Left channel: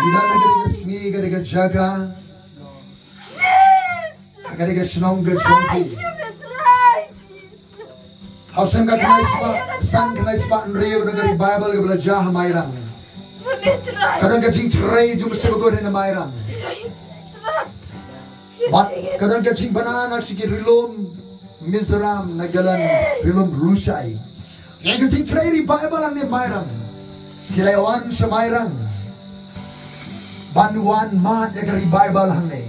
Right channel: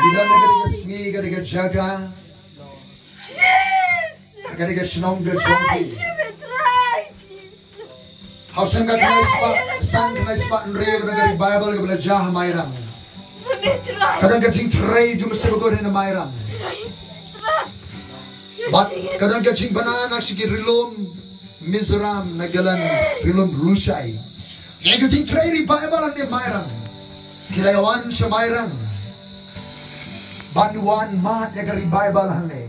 Ida nagariga sngi gariga jaga. Gariga shnong gajongki. Hausan ka kanay spa, san kanay spa nriyo nagari Bible gabla jah mayrang. Kadang kajing tray jum sebagod na mayrang. Kadang kajing banana sige rilom Mizoram nagalan rilom Lushai. Yang kajing tray Bible ang mayrang. Kilayawan siya mayrang. Banuan mat nagari Bible hangay.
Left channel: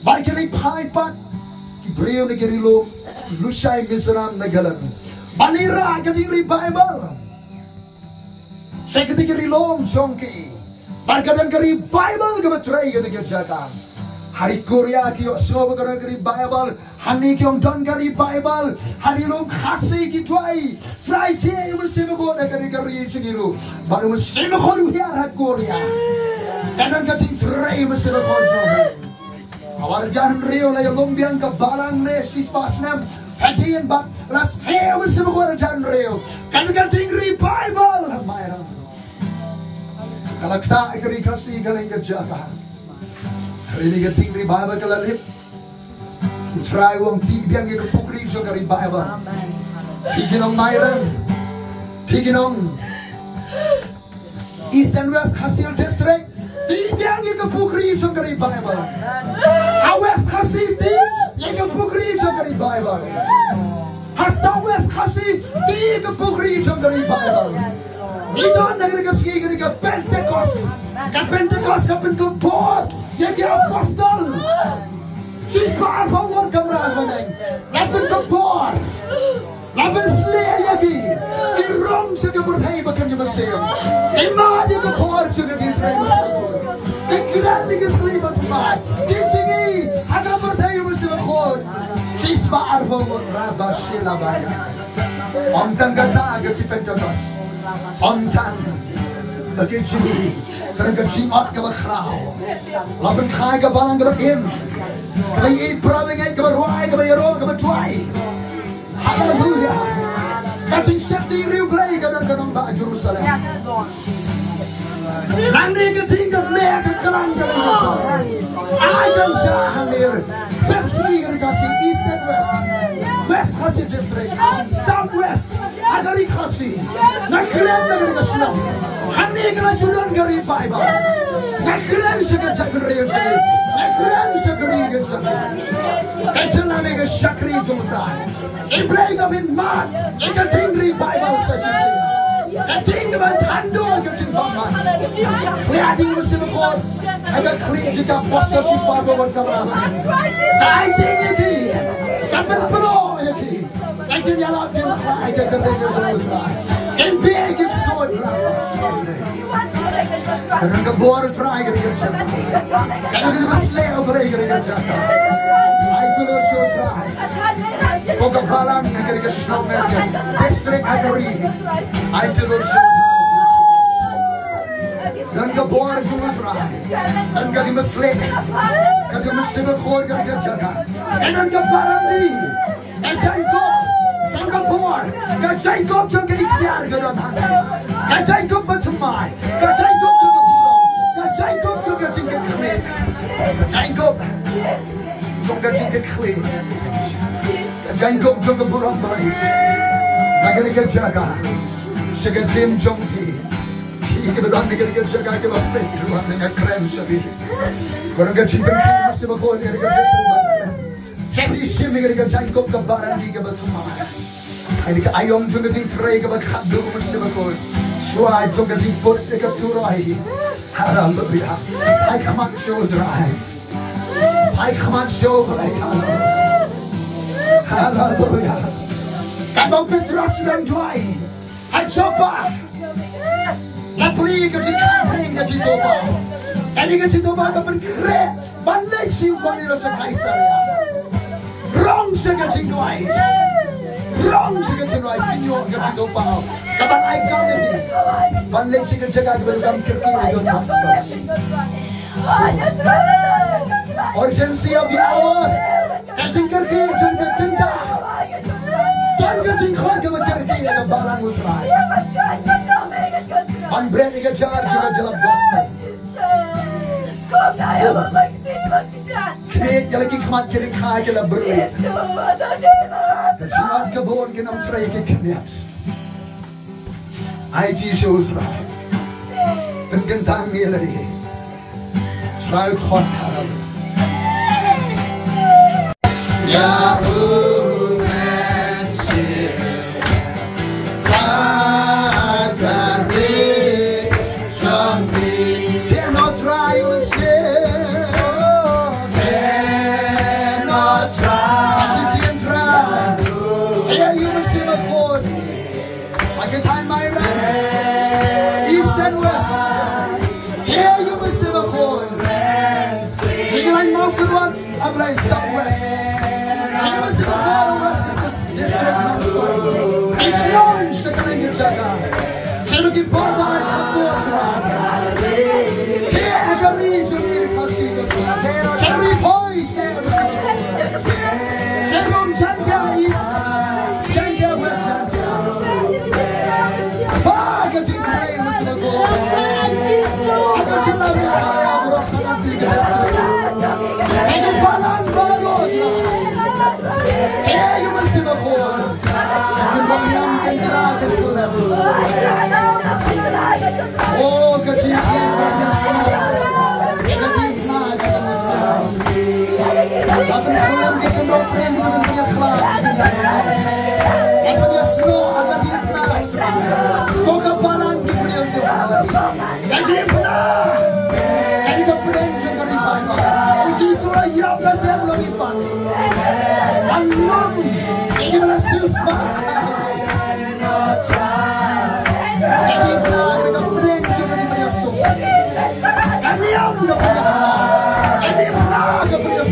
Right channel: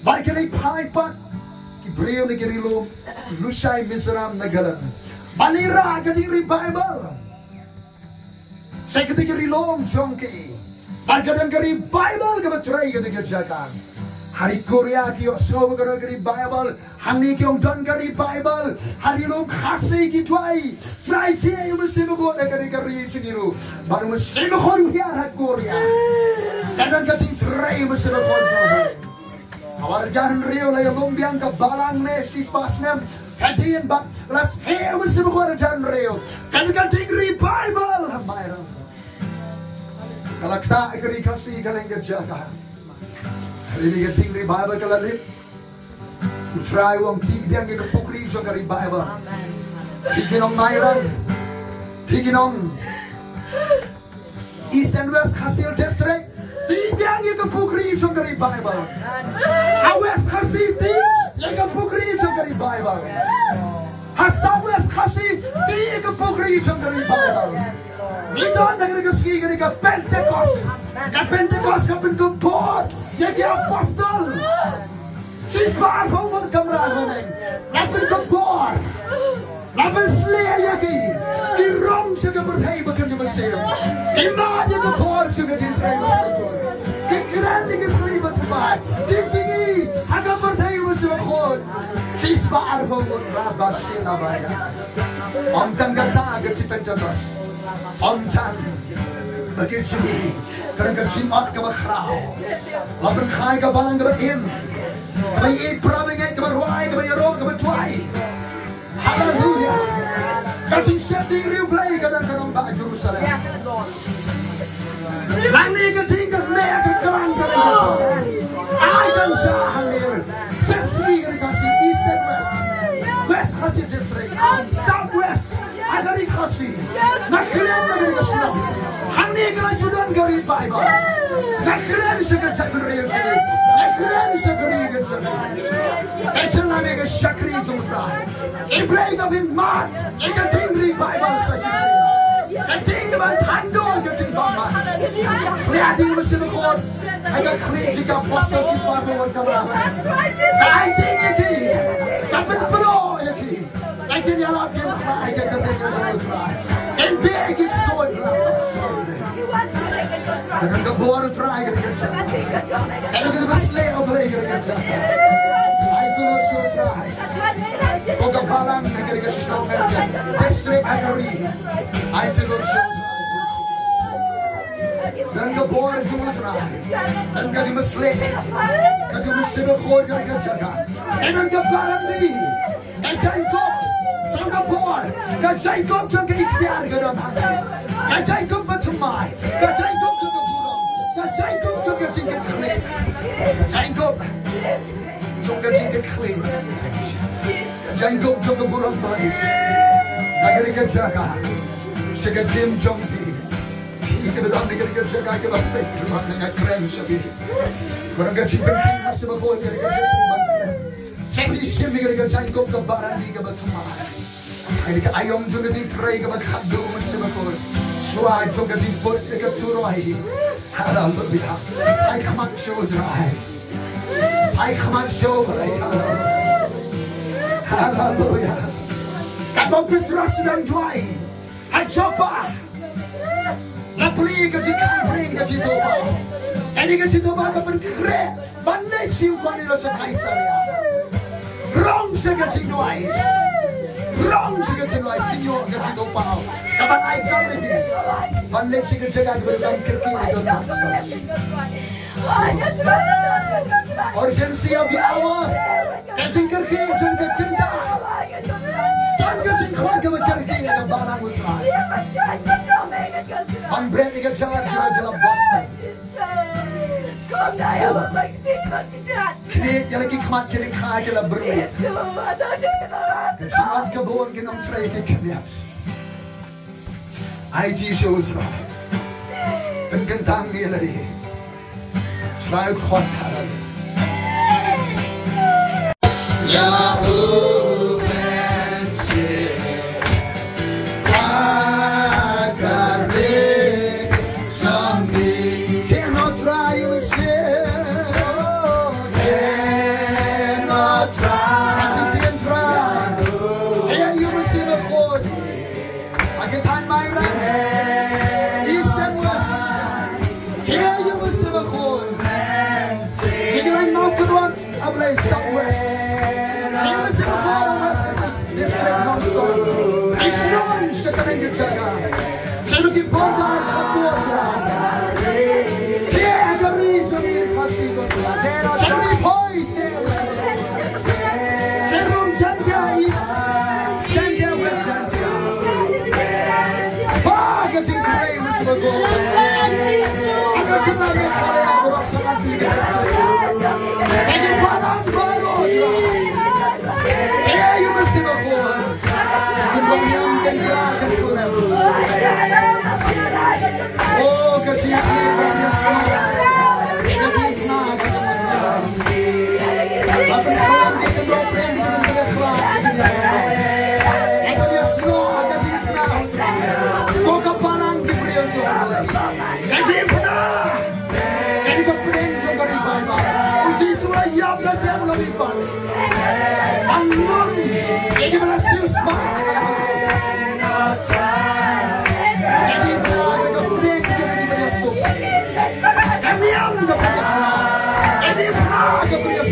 Barkilay paipat kibriyo nagari rilom Lushai Mizoram nagalan. Balira kadiri Bible. Saya ketika rilong jongki. Barkadan kari Bible kebatray ketika jaga. Hari Korea kiyo semua kari Bible. Hani kiyo don kari Bible. Hari long khasi kitwai. Friday you mesti begot kari chengiru. Baru mesti begot hari Korea. Kadang kati tray mesti begot jongki. Awar jaran rio lagi lombiang ke balang nesti pasnem. Hadian bat lat he mesti begot jaran rio. Kadang kati Bible Mayram. Kalau kita ikut kasih kalian kerjakan, hari ini kita tinggal Bible kalian, try uang biang kita pukri juga dari Bible, bikin orang Mayran, bikin orang East and West Hasil District, biang kita pukri juga dari Bible, West Hasil kita pukri juga dari Bible, South West Hasil kita pukri juga dari Bible. Idon nagregasgi ka Pentecost. Ka Pentecost ka Pentecost. Yagi apostol. Sisbar forward kamera manay. Na Pentecost. Na Beslea yagi. Irong sa kaburtay bakan ni Masayam. Imadi ko por sa kadintray mo. Kikrandi ki flibat mat. Kitingi aga burtay mo sa bakod. Sisbar forward rabashila baya. Ontang gata ka si Pentecost. Ontang bagi sini kerana jimat ke bakrau, laban kai ke balang ke bakim, ke bayi prabengai ke baruai ke bayi roh ke batuai. Haleluya. Kacing setting riu play ke dalam kanong ba Jerusalem. Lani ke tinggal leh ke kerang ke dalam. I can jahang dir. Sesri ke kasih East and West, West kasih district, South West. Agari kasih, nak keren nak kasih nam. Hani kerana jualan gari Bible, nak keren sekerja beri gari, nak keren sekeri kerja. Kecilnya mereka syakri jumlah. Iblay kami mat, ikan tinggi Bible saja sih. Tinggi bantando ikan tinggi bama. Lihatin mesti berkor, agak klik jika poster siswa berkamera. Kau tinggi lagi, kapan pro lagi. I didn't allow him to cry. I didn't try. In big, it's so and then the border try to get you. And then the slave play to get you. I could also try. Oka Balam, I get a snow American. District Agari. I did also then the border to try. And got him a slave. Got him a civil court. And then the Balam. And I go. Singapore, Jacob took a ikhtiar ke dalam hati. Jacob bertemai, Jacob took a burung, Jacob took a tingkat klik. Jacob took a tingkat klik. Jacob took a burung baik. Negeri kejaga, sekarang Jim Jongki. Kita dalam negeri kejaga kita berpikir rumah dengan keren sabi. Kalau kita berpikir masih berboleh negeri kejaga. Tapi si mereka Jacob ke barang di ke bertemai. Ini ke ayam juga di tray ke berkado mesti berkor. Suai juga di pot dekat turai. Haleluya. I come on show drive. I come on show drive. Haleluya. Kalau Petrus dan Tuai, I coba. Lapli ke di kampung ke di toba. Ini ke di toba ke berkere. Bandai siupan itu sekaisaria. Wrong ke di Tuai. Wrong sige tenwai pinyo ngati do pao kaban ai kam ni banle sige jaga bergam kirki itu master urgency of the hour eting kirki jaga tinta tan gating khoi ke kirki ga balang utrai ban break ke jar jira jala gospel Knek yang lagi kemat kena kai kena berlihat. Kemat kebun kena mencari ke kena. IT shows right. Penkentang ni lagi. Selalu khotah. Yahoo.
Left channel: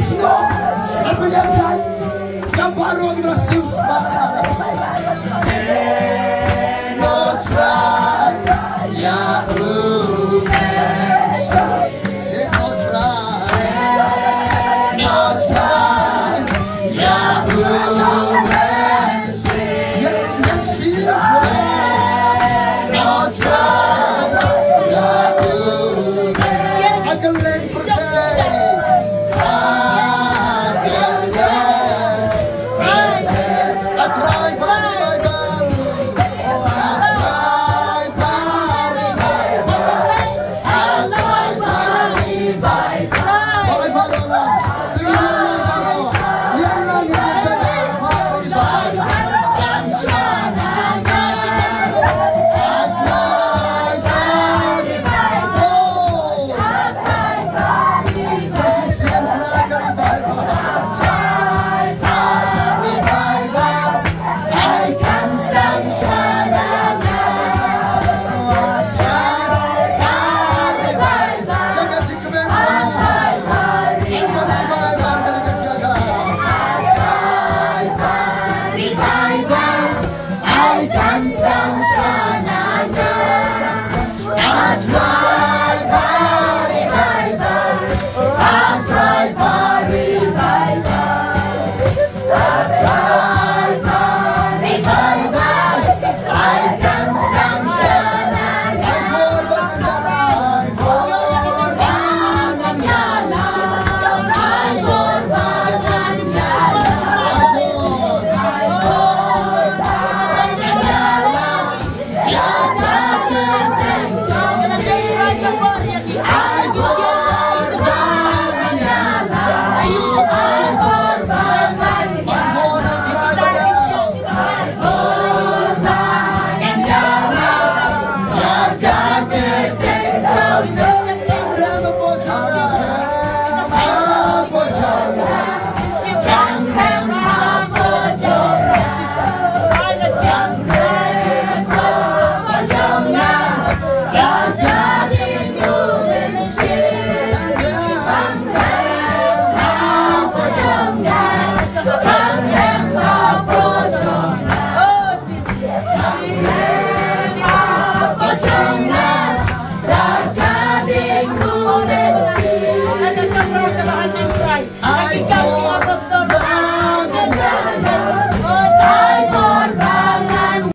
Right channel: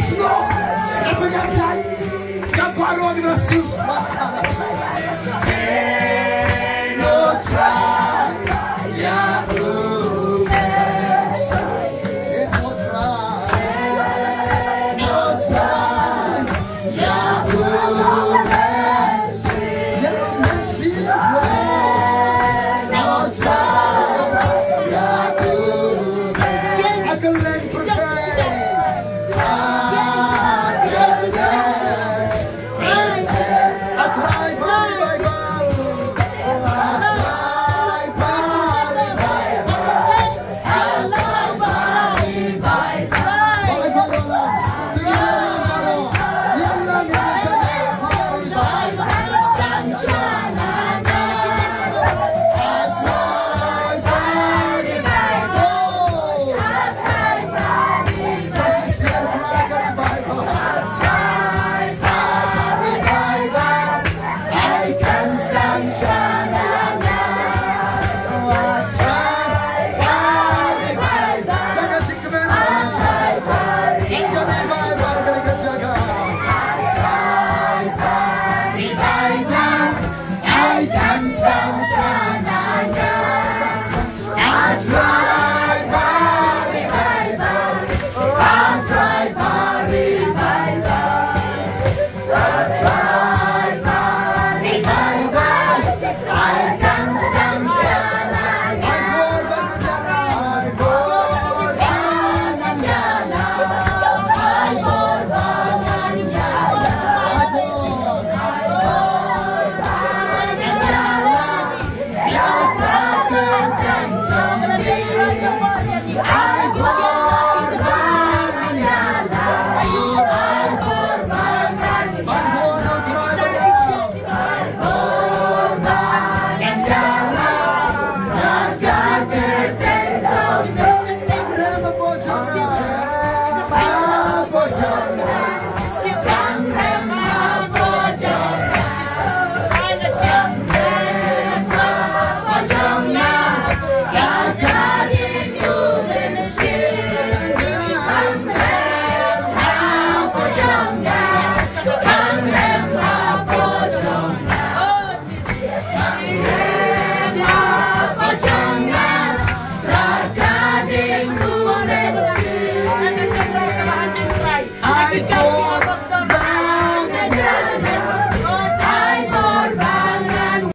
Snow,